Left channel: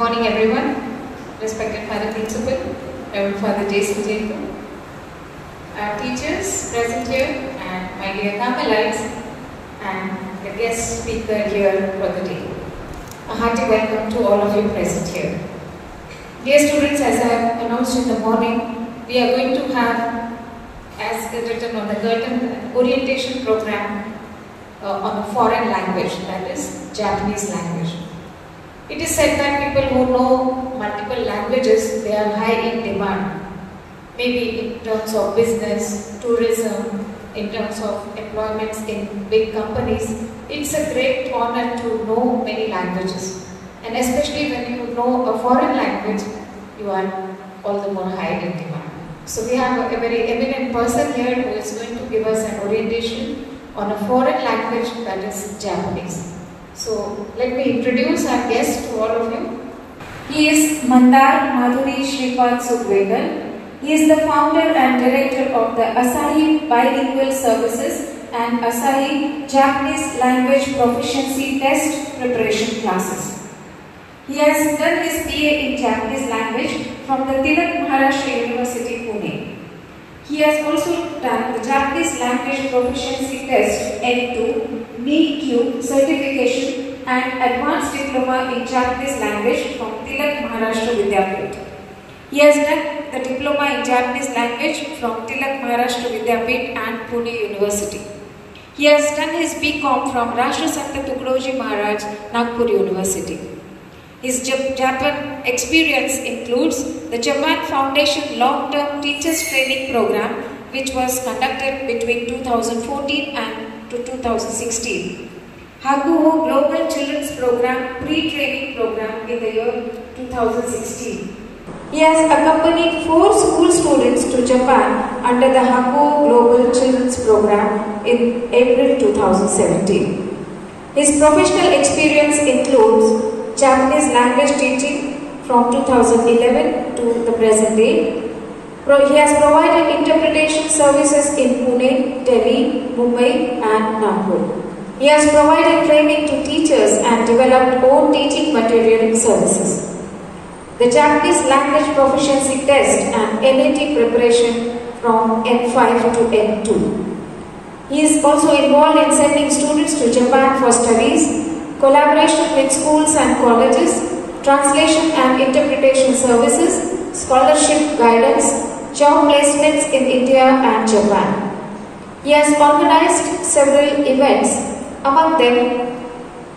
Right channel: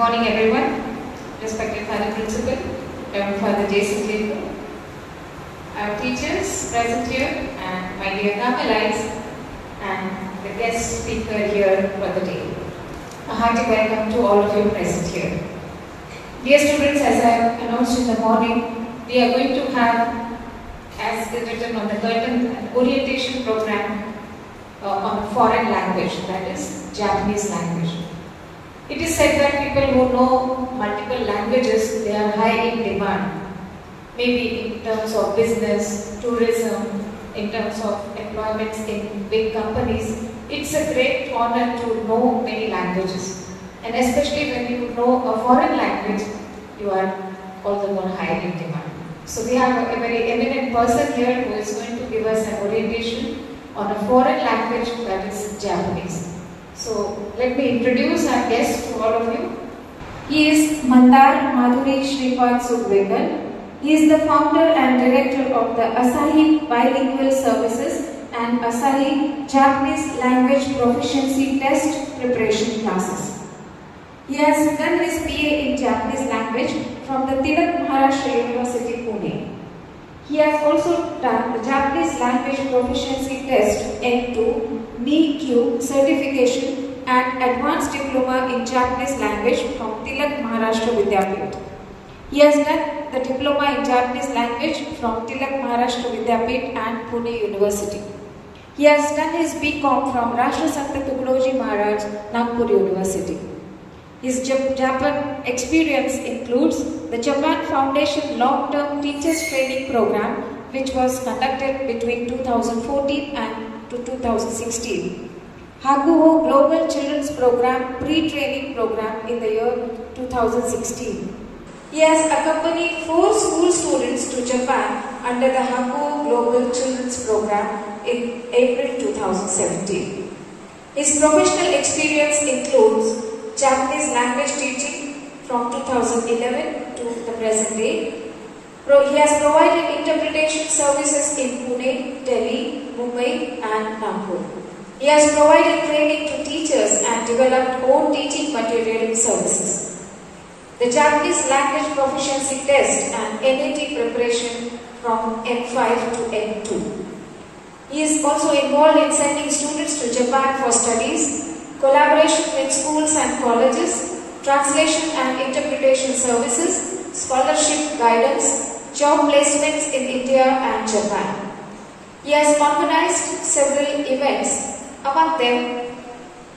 morning everyone, respected Father Principal, Reverend Father Jason Jacob, our teachers present here and my dear Carmelites and the guest speaker here for the day. A hearty welcome to all of you present here. Dear students, as I announced in the morning, we are going to have, as written on the curtain, an orientation program on a foreign language, that is Japanese language. It is said that people who know multiple languages, they are high in demand. Maybe in terms of business, tourism, in terms of employments in big companies, it's a great honor to know many languages. And especially when you know a foreign language, you are all the more high in demand. So we have a very eminent person here who is going to give us an orientation on a foreign language, that is Japanese. So let me introduce our guest to all of you. He is Mandar Madhuri Shripad Sudvegal. He is the founder and director of the Asahi Bilingual Services and Asahi Japanese Language Proficiency Test Preparation Classes. He has done his BA in Japanese language from the Tilak Maharashtra University, Pune. He has also done the Japanese Language Proficiency Test N2, NEET-Q certification and Advanced Diploma in Japanese Language from Tilak Maharashtra Vidyapit. He has done the Diploma in Japanese Language from Tilak Maharashtra Vidyapit and Pune University. He has done his BCom from Rashtrasanta Tukadoji Maharaj, Nagpur University. His Japan experience includes the Japan Foundation Long-Term Teachers Training Program, which was conducted between 2014 and to 2016. Hakuho Global Children's Program Pre-Training Program in the year 2016. He has accompanied 4 school students to Japan under the Hakuho Global Children's Program in April 2017. His professional experience includes Japanese language teaching from 2011 to the present day. He has provided interpretation services in Pune, Delhi, Mumbai and Nagpur. He has provided training to teachers and developed own teaching material services. The Japanese Language Proficiency Test and NAT preparation from N5 to N2. He is also involved in sending students to Japan for studies, collaboration with schools and colleges, translation and interpretation services, scholarship guidance, job placements in India and Japan. He has organized several events. Among them,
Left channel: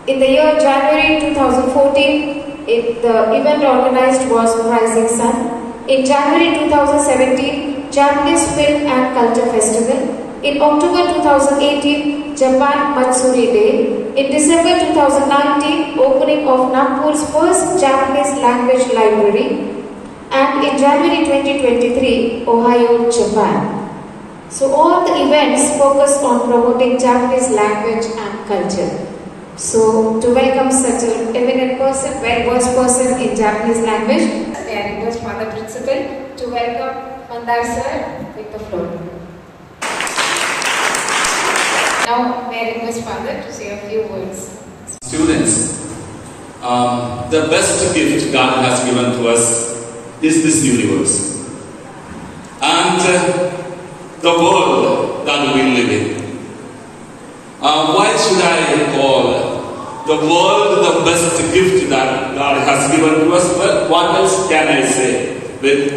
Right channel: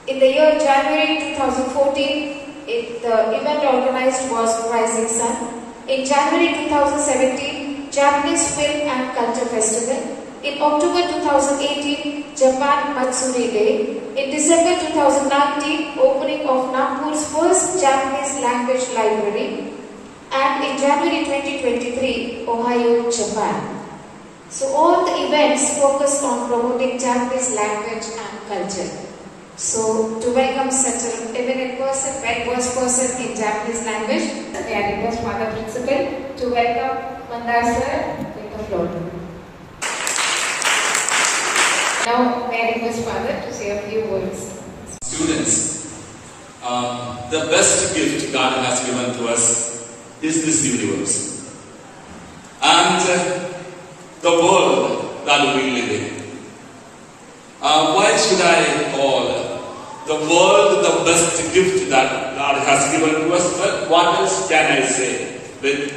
in the year January 2014, the event organized was Rising Sun. In January 2017, Japanese Film and Culture Festival. In October 2018, Japan Matsuri Day. In December 2019, opening of Nagpur's first Japanese language library. And in January 2023, Ohio, Japan. So all the events focus on promoting Japanese language and culture. So to welcome such an eminent person, well-versed person in Japanese language, may I request Father Principal to welcome Mandar sir with the floor. Now, may I request Father to say a few words. Students, the best gift God has given to us is this universe. And the world that we live in. Why should I call the world the best gift that God has given to us? Well, what else can I say? With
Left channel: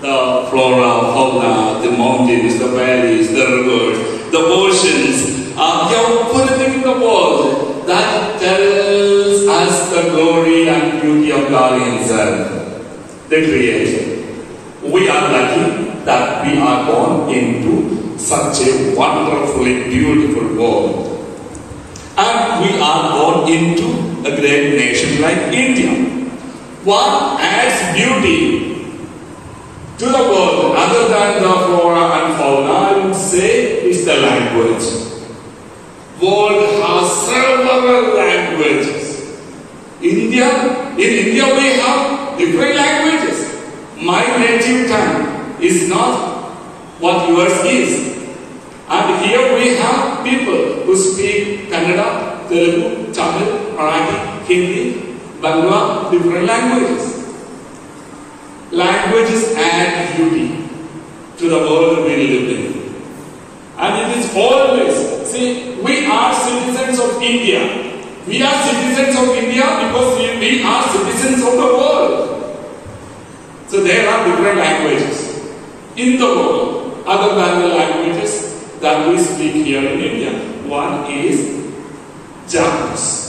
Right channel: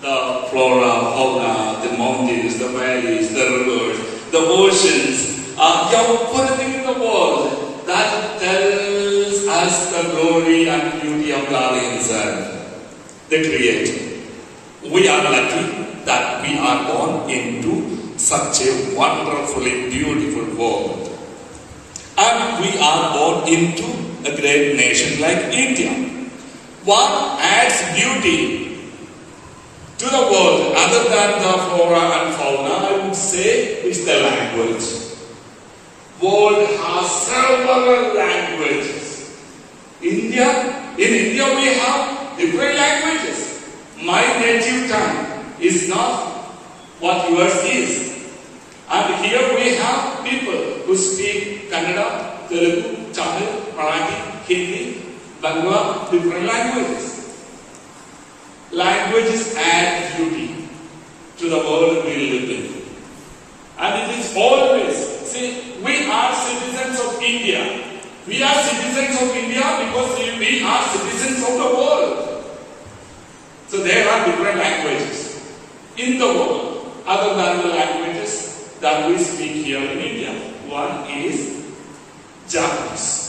the flora, fauna, the mountains, the valleys, the rivers, the oceans, everything in the world that tells us the glory and beauty of God Himself, the Creator. We are lucky that we are born into such a wonderfully beautiful world. And we are born into a great nation like India. What adds beauty to the world other than the flora and fauna, I would say, is the language. World has several languages. In India we have different languages. My native tongue is not what yours is. And here we have people who speak Kannada, Telugu, Tamil, Marathi, Hindi, Bangla, different languages. Languages add beauty to the world we live in. And it is always, see, we are citizens of India. We are citizens of India because we are citizens of the world. So there are different languages in the world other than the languages that we speak here in India. One is Japanese.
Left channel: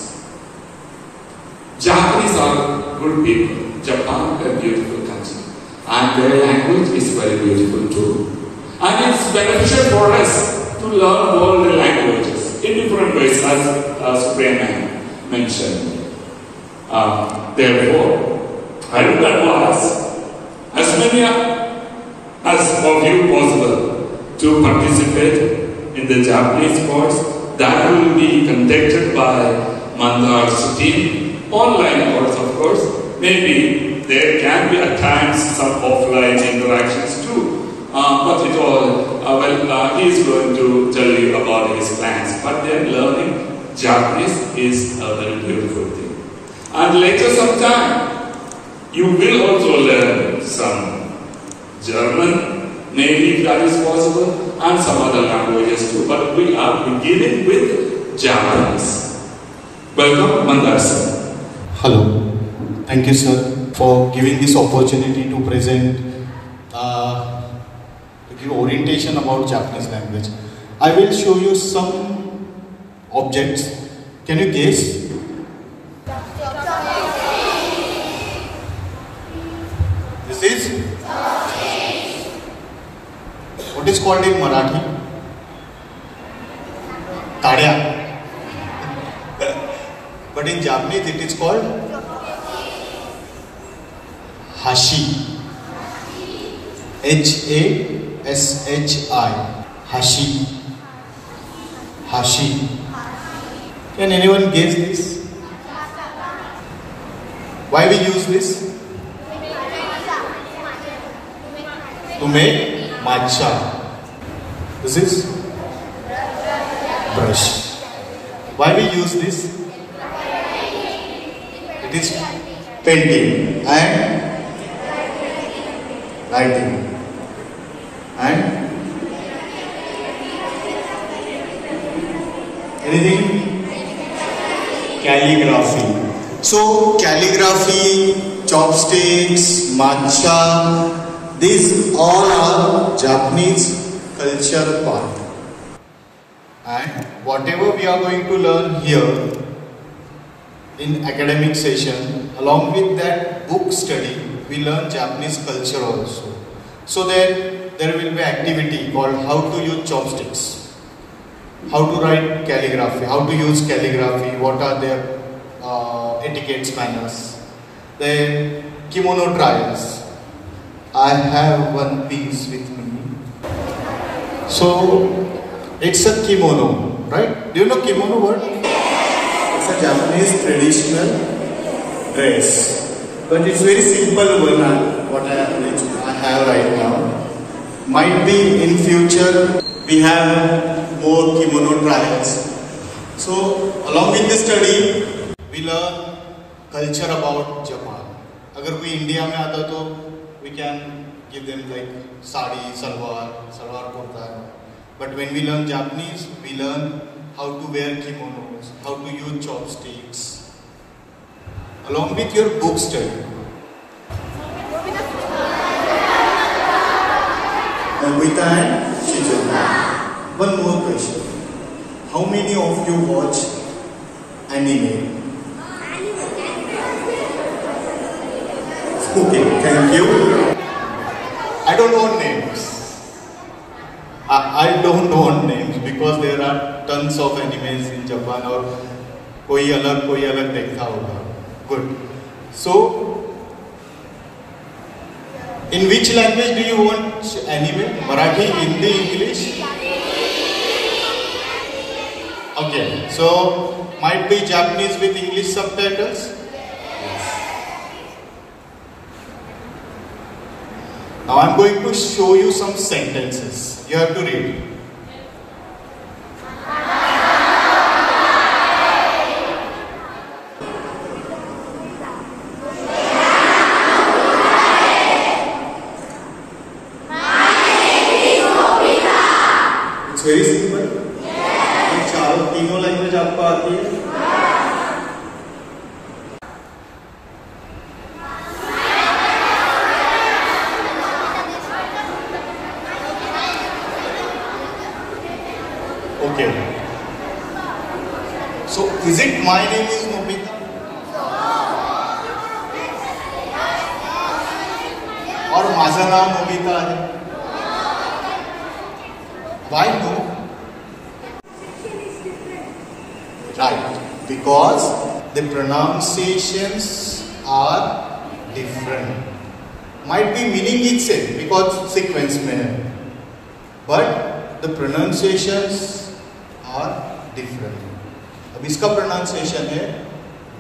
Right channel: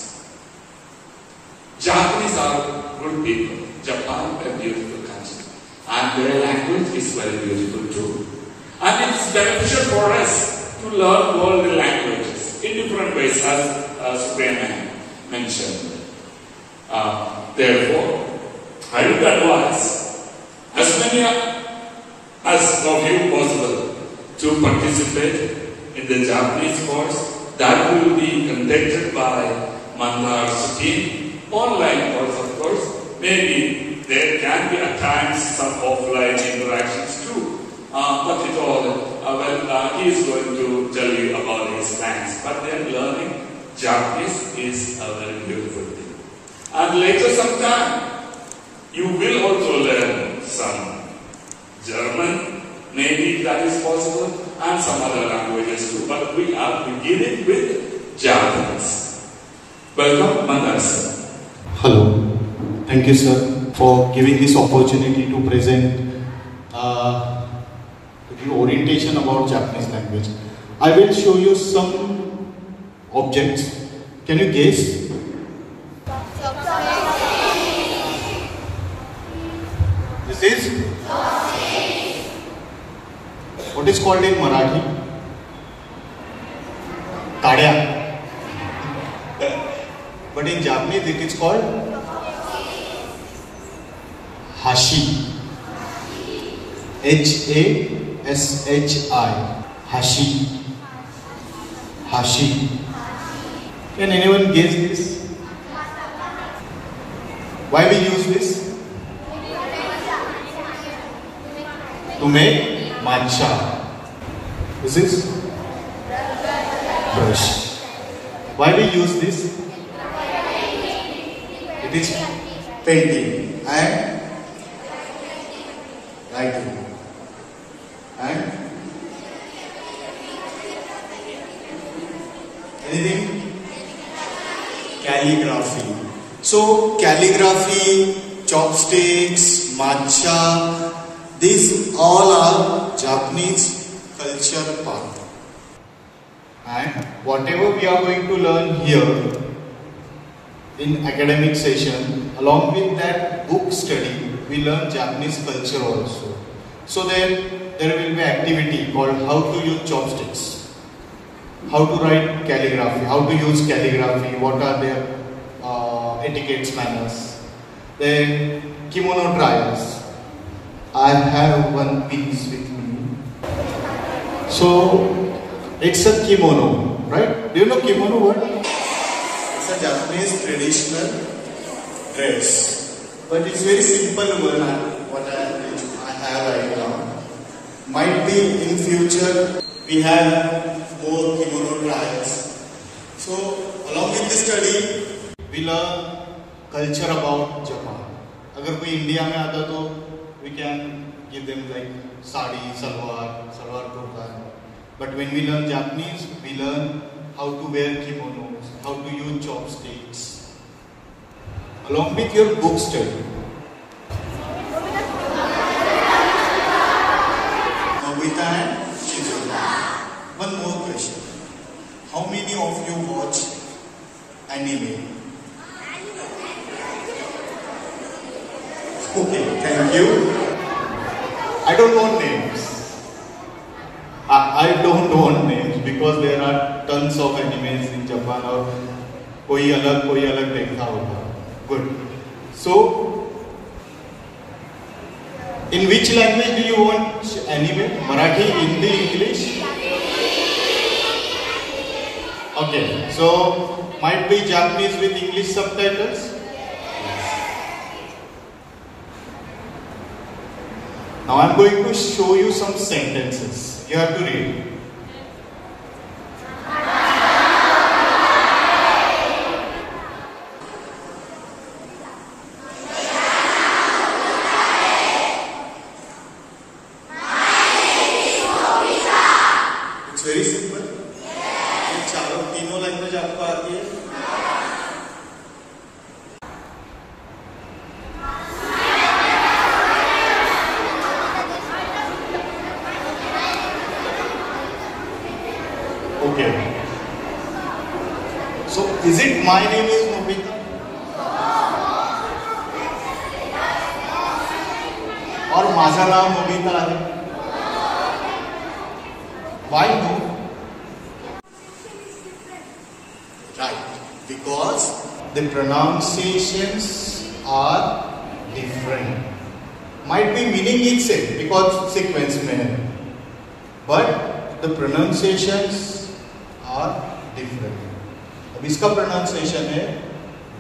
Japanese are good people. Japan is a beautiful country. And their language is very beautiful too. And it's beneficial for us to learn all the languages in different ways, as Supriya mentioned. Therefore, I would advise as many as of you possible to participate in the Japanese course that will be conducted by Mandar's team. Online course, of course. Maybe there can be at times some offline interactions too. But it all, he is going to tell you about his plans. But then learning Japanese is a very beautiful thing. And later sometime, you will also learn some German, maybe that is possible, and some other languages too. But we are beginning with Japanese. Welcome, Mandar sir. Hello. Thank you, sir, for giving this opportunity to present, to give orientation about Japanese language. I will show you some objects. Can you guess? This is? What is called in Marathi? Tadya. But in Japanese it is called Hashi. Hashi. Hashi. Hashi. Can anyone guess this? Why we use this? To make matcha. This is brush. Why we use this? It is painting and writing and anything? Calligraphy. So calligraphy, chopsticks, matcha, these all are Japanese culture part. And whatever we are going to learn here in academic session, along with that book study, we learn Japanese culture also. So there will be activity called how to use chopsticks, how to write calligraphy, how to use calligraphy, what are their etiquettes, manners. Then kimono trials. I have one piece with me. So it's a kimono, right? Do you know kimono word? It's a Japanese traditional dress, but it's very simple one. What I have right now. Might be in future we have more kimono trials. So along with this study, we learn culture about Japan. अगर कोई India में आता तो we can give them like sari, salwar kurta. But when we learn Japanese, we learn how to wear kimonos, how to use chopsticks, along with your book study. Nobita and Shizuka. One more question. How many of you watch anime? Okay, thank you. I don't want names. I don't want names because there are tons of animes in Japan और कोई अलग देखता होगा. Good. So, in which language do you watch anime? Marathi, Hindi, English? Okay. So, might be Japanese with English subtitles? Now I am going to show you some sentences. You have to read. तीनों language आपको आती है? Okay. So, is it my name is Nobita? और माझा नाम Nobita आहे? Why no? Right, because the pronunciations are different. Might be meaning is same because sequence में है, but the pronunciations are different. अब इसका pronunciation है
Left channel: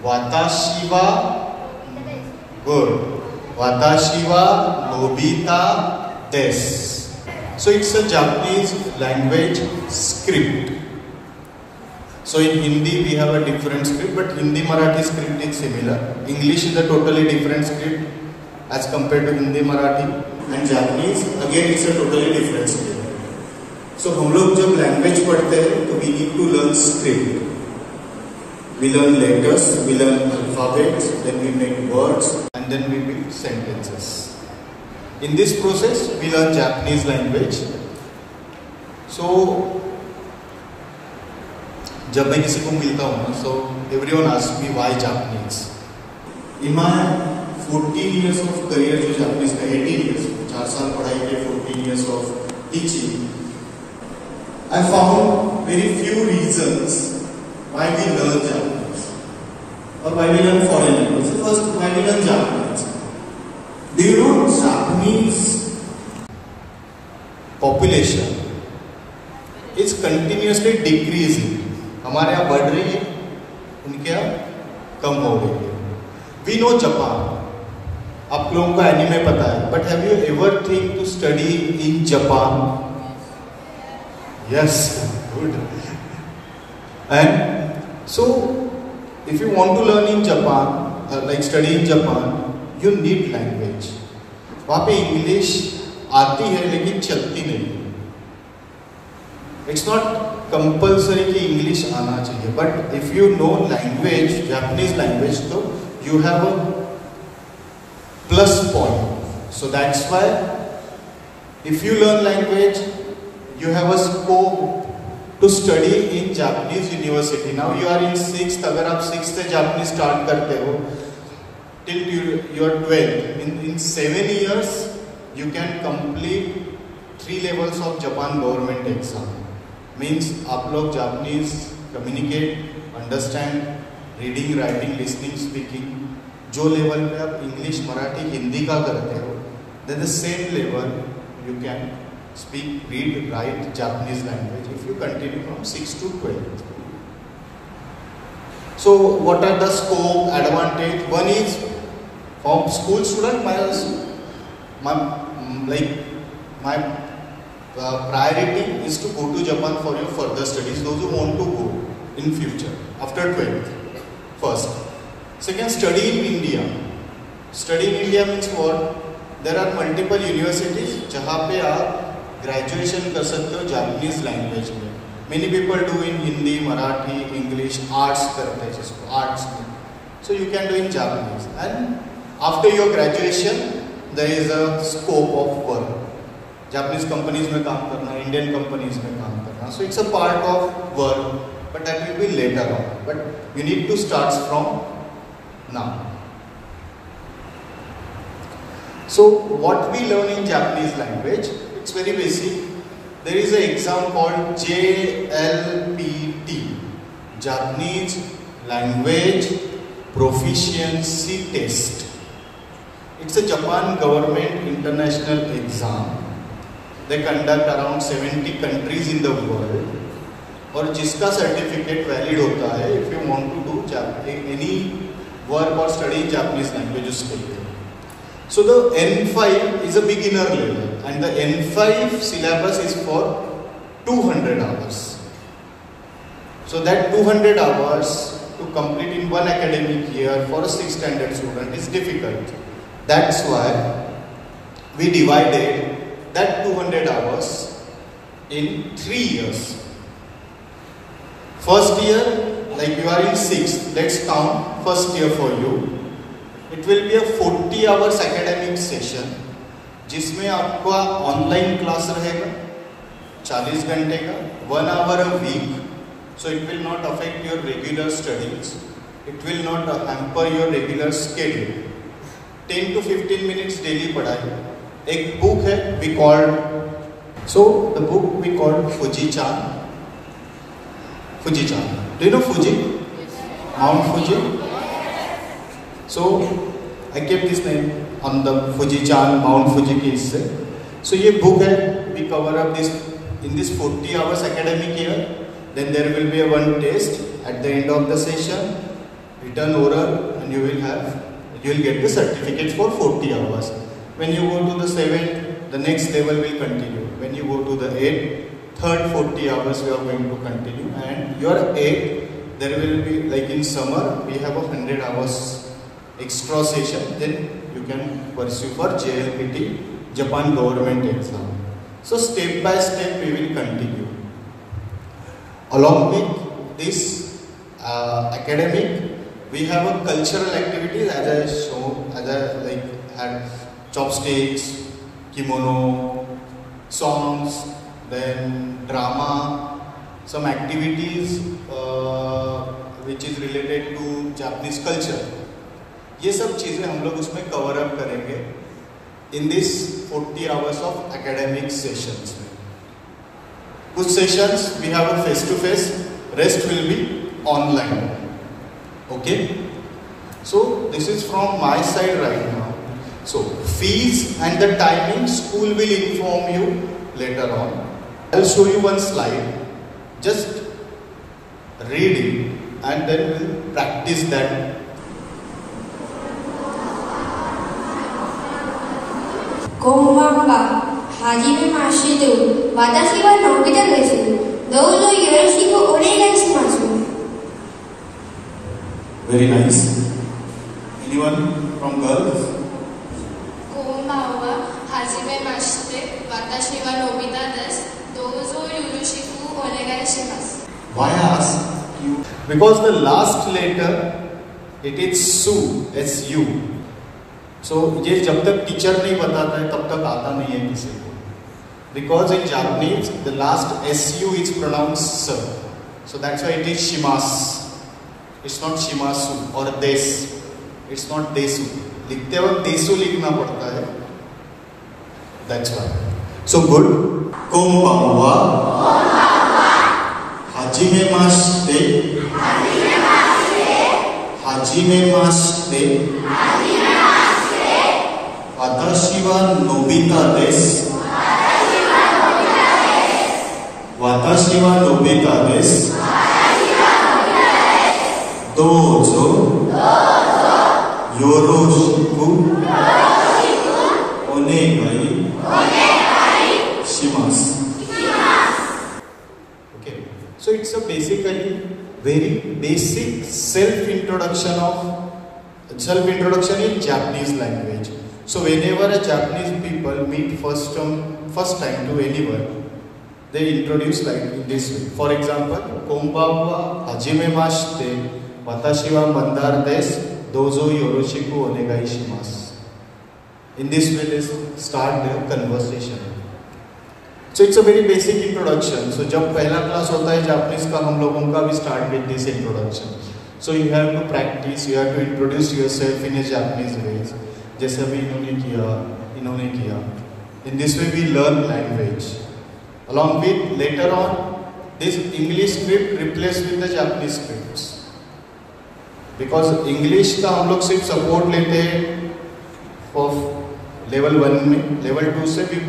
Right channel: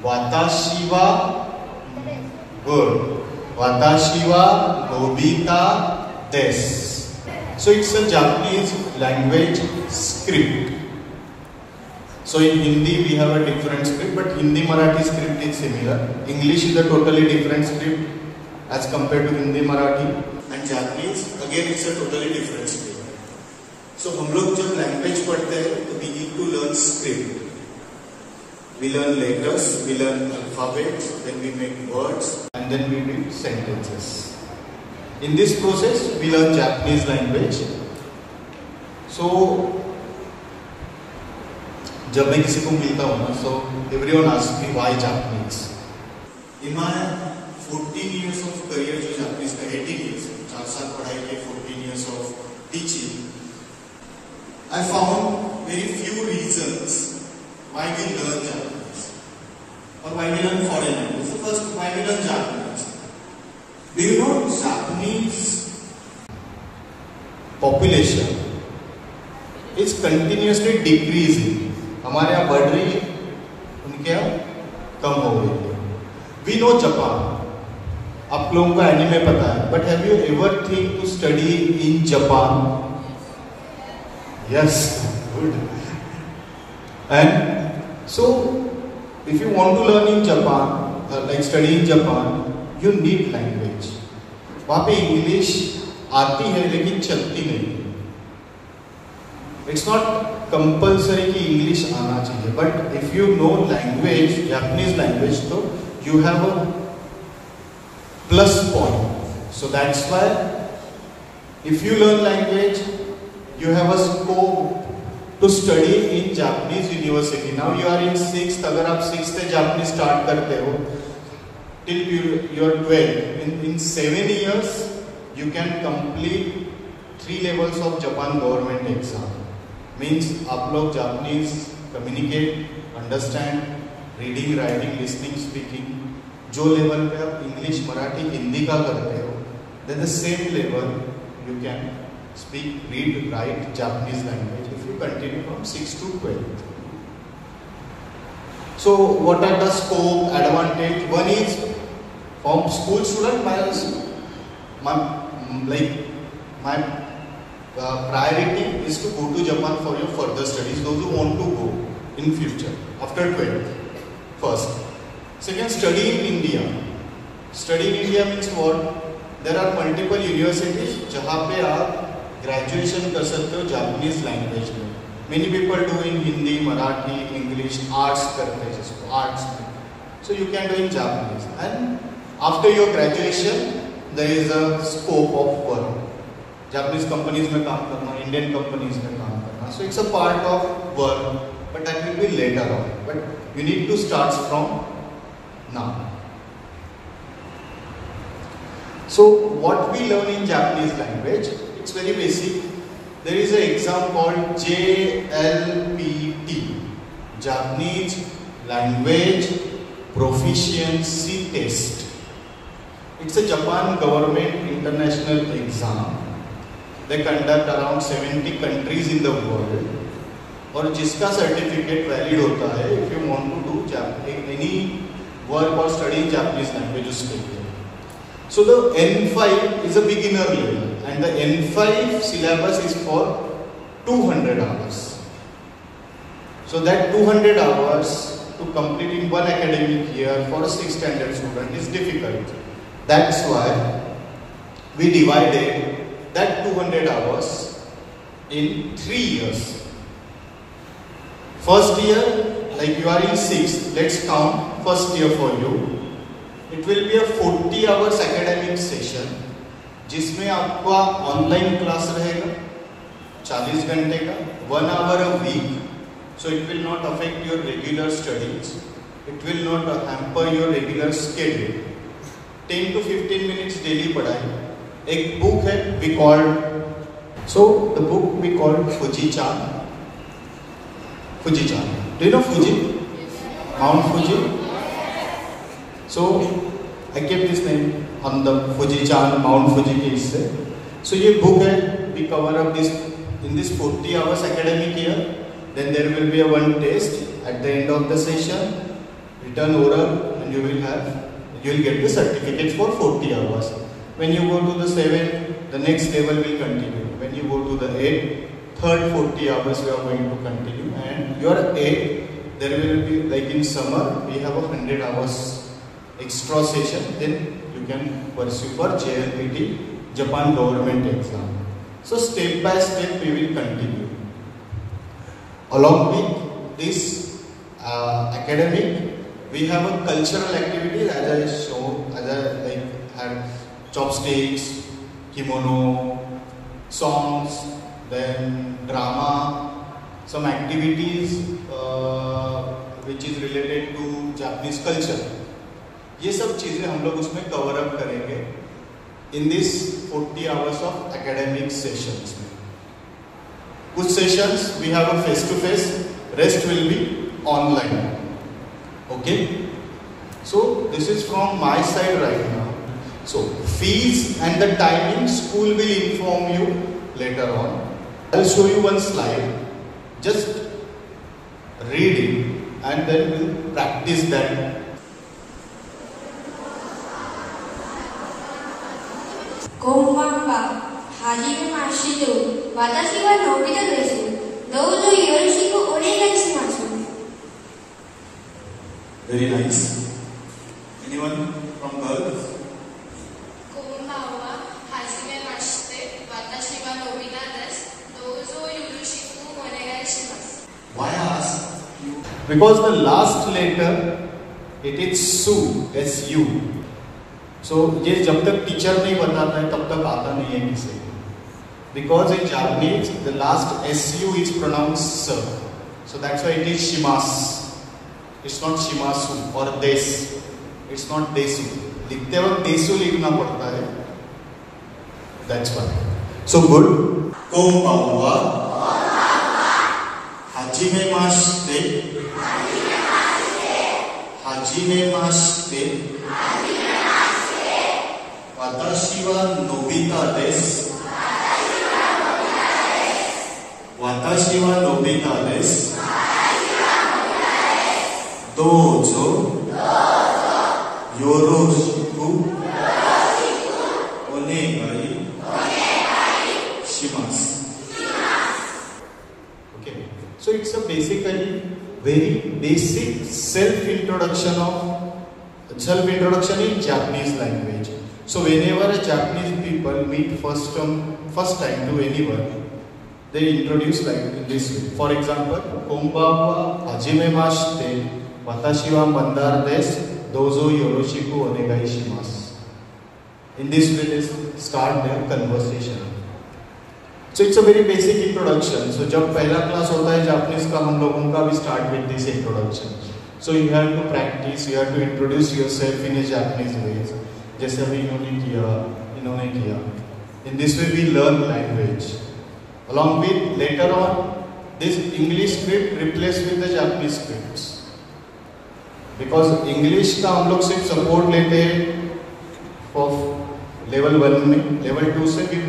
वाताशी वा good, वाताशी वा Nobita desu. So it's a Japanese language script. So in Hindi we have a different script, but Hindi Marathi script is similar. English is a totally different script as compared to Hindi Marathi, and Japanese again it's a totally different script. So हम लोग जब language पढ़ते हैं तो we need to learn script. We learn letters, we learn alphabets, then we make words, and then we build sentences. In this process, we learn Japanese language. So, जब मैं किसी को मिलता हूँ ना, so everyone asks me why Japanese. In my 14 years of career जो Japanese का 18 years, 4 साल पढ़ाई के 14 years of teaching, I found very few reasons why we learn Japanese or why we learn foreign language. So first, why we learn Japanese? Do you know Japanese population is continuously decreasing? हमारे यहाँ बढ़ रही है, उनके यहाँ कम हो रही है. We know Japan. आप लोगों का एनिमे पता है, but have you ever think to study in Japan? Yes, good. And so, if you want to learn in Japan, like study in Japan, you need language. वहाँ पे English आती है लेकिन चलती नहीं. It's not compulsory कि English आना चाहिए, but if you know language, Japanese language, तो you have a plus point. So that's why if you learn language, you have a scope to study in Japanese university. Now you are in 6th. अगर आप 6th से Japanese start करते हो till you are 12, in 7 years you can complete 3 levels of Japan government exam. Means आप लोग Japanese communicate, understand, reading, writing, listening, speaking, जो level पे आप इंग्लिश, मराठी, हिंदी का करते हो, then the same level you can speak, read, write Japanese language if you continue from 6 to 12. So what are the scope, advantage? One is from school student, my priority is to go to Japan for your further studies. Those who want to go in future after 12th, first. Second, study in India. Study in India means what? There are multiple universities जहाँ पे आप graduation कर सकते हो Japanese language में. Many people do in Hindi, Marathi, English, arts करते हैं जिसको arts में. So you can do in Japanese. And after your graduation, there is a scope of work. Japanese companies में काम करना, Indian companies में काम करना. So it's a part of work, but that will be later on. But you need to start from now. So what we learn in Japanese language, it's very basic. There is an exam called JLPT, Japanese Language Proficiency Test. It's a Japan government international exam. They conduct around 70 countries in the world. और जिसका certificate valid होता है, if you want to do any work or study in Japanese language, उसके लिए. So the N5 is a beginner level, and the N5 syllabus is for 200 hours. So that 200 hours to complete in one academic year for a 6th standard student is difficult. That's why we divided that 200 hours in 3 years. First year, like you are in 6th, let's count first year for you. It will be a 40 hours academic session जिसमें आपका online class रहेगा 40 घंटे का, 1 hour a week. So it will not affect your regular studies. It will not hamper your regular schedule. 10 to 15 minutes daily पढ़ाई. एक book है we called, so the book we called Fuji-chan. Fuji-chan. Do you know Fuji? Mount Fuji? So I kept this name on the Fuji-chan, Mount Fuji के इससे. So ये book है, we cover up this in this 40 hours academic year. Then there will be a one test at the end of the session, written oral, and you will get the certificate for 40 hours. When you go to the 7th, the next level will continue. When you go to the 8th, third 40 hours we are going to continue, and your 8th, there will be, like in summer we have 100 hours extra session, then you can pursue for JLPT, Japan government exam. So step by step we will continue. Along with this academic, we have a cultural activity as I showed, as I like had chopsticks, kimono, songs, then drama, some activities which is related to Japanese culture. ये सब चीजें हम लोग उसमें cover up करेंगे in this 40 hours of academic sessions. कुछ sessions we have a face to face, rest will be online. Okay, so this is from my side right now. So fees and the timing school will inform you later on. I'll show you one slide, just read it and then we'll practice that. こんばんは。はじめまして。私はのび太です。どうぞよろしくお願いします。Very nice. Anyone from girls? こんばんは。はじめまして。私はのび太です。どうぞよろしくお願いします。 Why I ask you? Because the last letter, it is SU, S-U. So ये जब तक teacher नहीं बताता है तब तक आता नहीं है किसी को. Because in Japanese the last SU is pronounced S. So that's why it is shimasu. It's not shimasu or desu. It's not desu. लिखते वक्त desu लिखना पड़ता है. That's why. So good. Konbanwa. Hajimemashite. Hajimemashite. 私はのび太です。私はのび太です。どうぞよろしくお願いします。Okay, so it's a basically very basic self-introduction in Japanese language. So whenever a Japanese people meet first time to anyone, they introduce like in this way. For example, konbanwa, hajimemashite, watashi wa mandar desu, dozo yoroshiku onegai shimasu. In this way they start their conversation. So it's a very basic introduction. So जब पहला class होता है Japanese का हम लोगों का, we start with this introduction. So you have to practice, you have to introduce yourself in a Japanese ways. जैसे अभी इन्होंने किया. In this way we learn language. Along with later on, this English script replaced with the Japanese scripts. Because English का हम लोग सिर्फ support लेते हैं for level 1 में, level 2 से भी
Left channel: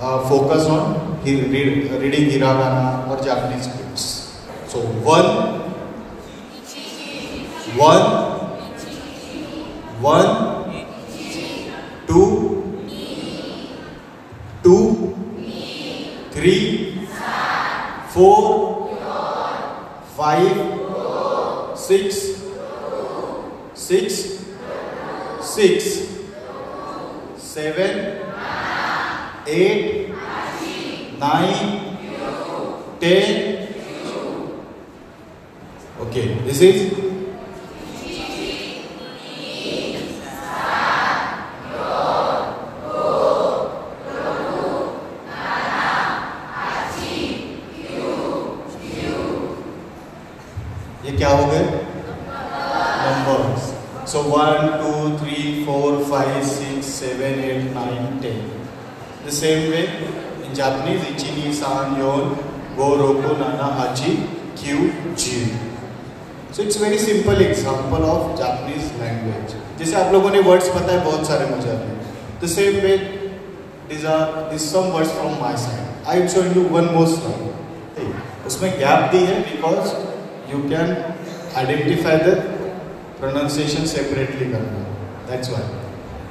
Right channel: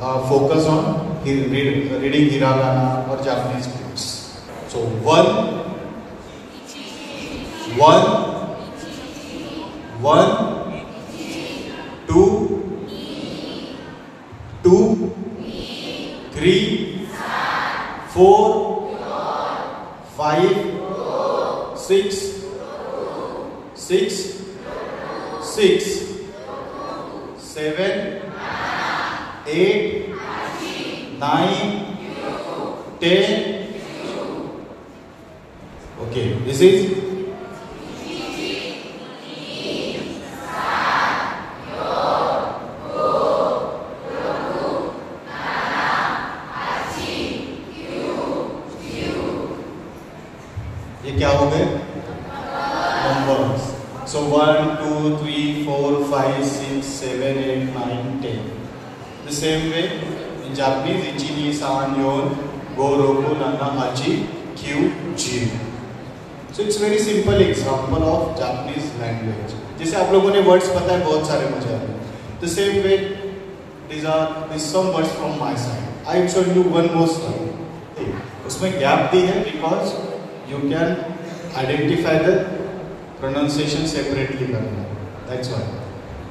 focus on reading hiragana or Japanese scripts. So 1, 2, 3, 4, 5, 6, 7, 8, 9, 10, Okay, this is ये क्या हो गए? Numbers. So 1, 2, 3, 4, 5, 6, 7, 8, 9, 10. The same way in Japanese, ichi, ni, san, yon, go, roku, nana, hachi, kyu, jiu. So it's very simple example of Japanese language. जैसे आप लोगों ने words पता है बहुत सारे मुझे आते हैं. The same way these some words from my side. I show you one more slide. उसमें gap दी है because you can identify the pronunciation separately. That's why.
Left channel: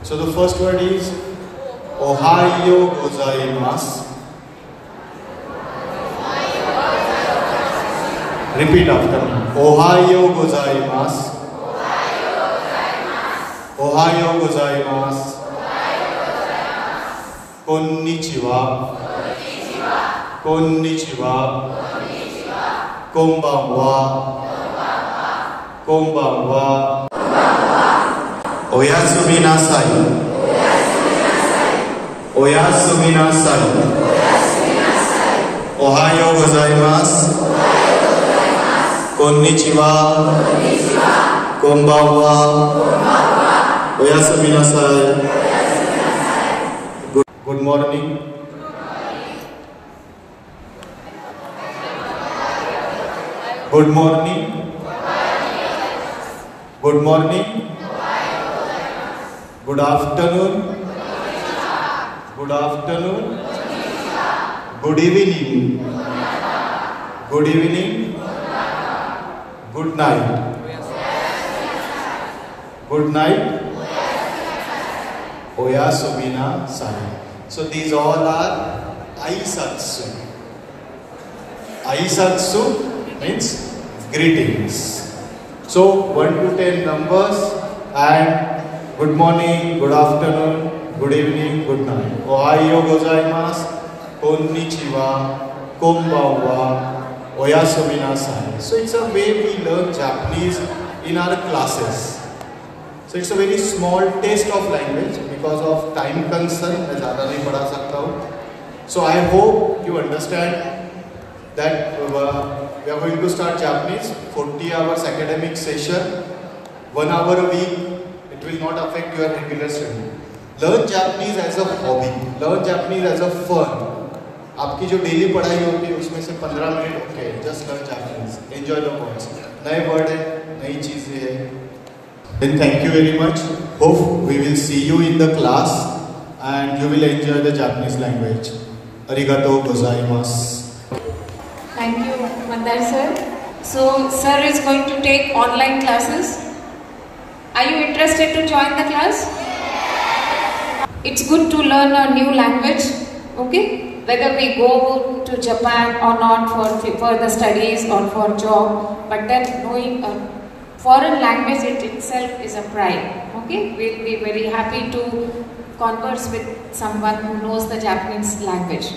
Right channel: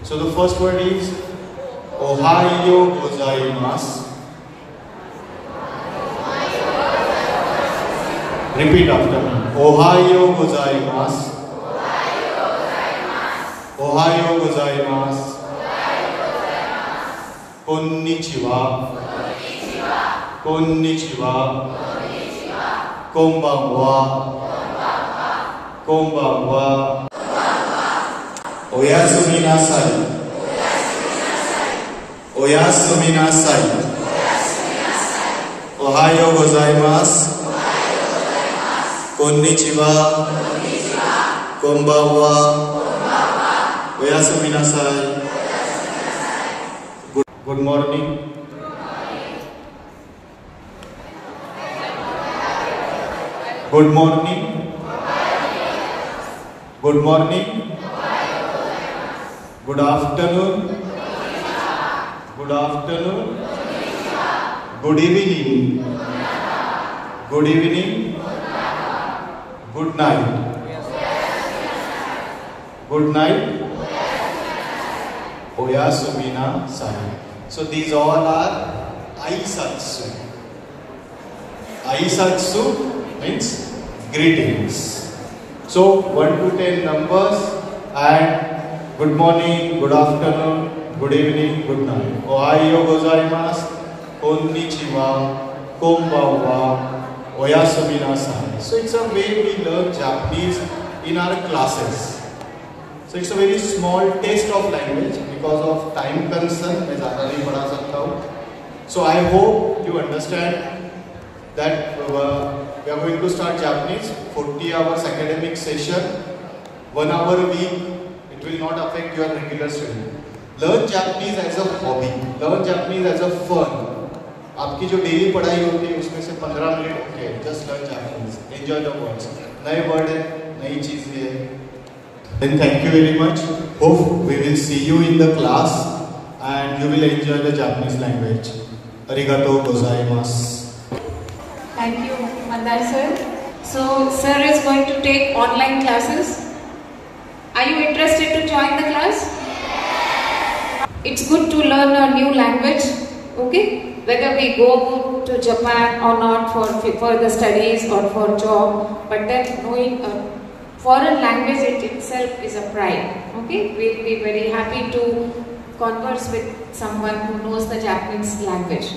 So the first word is Ohayo gozaimasu. Repeat after me. Ohayo gozaimasu. Ohayo gozaimasu. Konnichiwa. Konnichiwa. Konbanwa. Konbanwa. Oyasumi nasai. Oyasumi nasai. Ohayo gozaimasu. Konnichiwa. Konbanwa. Oyasumi nasai. Good morning. Good morning. Good morning. Good afternoon. Good afternoon. Good evening. Good evening. Good night. Good night. Oyasumi nasai. So these all are aisatsu. Aisatsu means greetings. So 1 to 10 numbers and good morning, good afternoon, good evening, good night. Ohayo gozaimasu, konnichiwa, konbanwa, oyasumi nasai. So it's a way we learn Japanese in our classes. So it's a very small taste of language because of time concern. मैं ज़्यादा नहीं पढ़ा सकता हूँ. So I hope you understand that we are going to start Japanese 40 hours academic session, 1 hour a week. It will not affect your regular study. Learn Japanese as a hobby. Learn Japanese as a fun. आपकी जो daily पढ़ाई होती है उसमें से 15 minute okay. Just learn Japanese. Enjoy the words. नए word है, नई चीजें हैं. Then thank you very much. Hope we will see you in the class and you will enjoy the Japanese language. Arigatou gozaimasu. Thank you, Mandar sir. So, sir is going to take online classes. Are you interested to join the class? It's good to learn a new language, okay? Whether we go to Japan or not for further studies or for job, but then knowing a foreign language itself is a pride, okay? We'll be very happy to converse with someone who knows the Japanese language.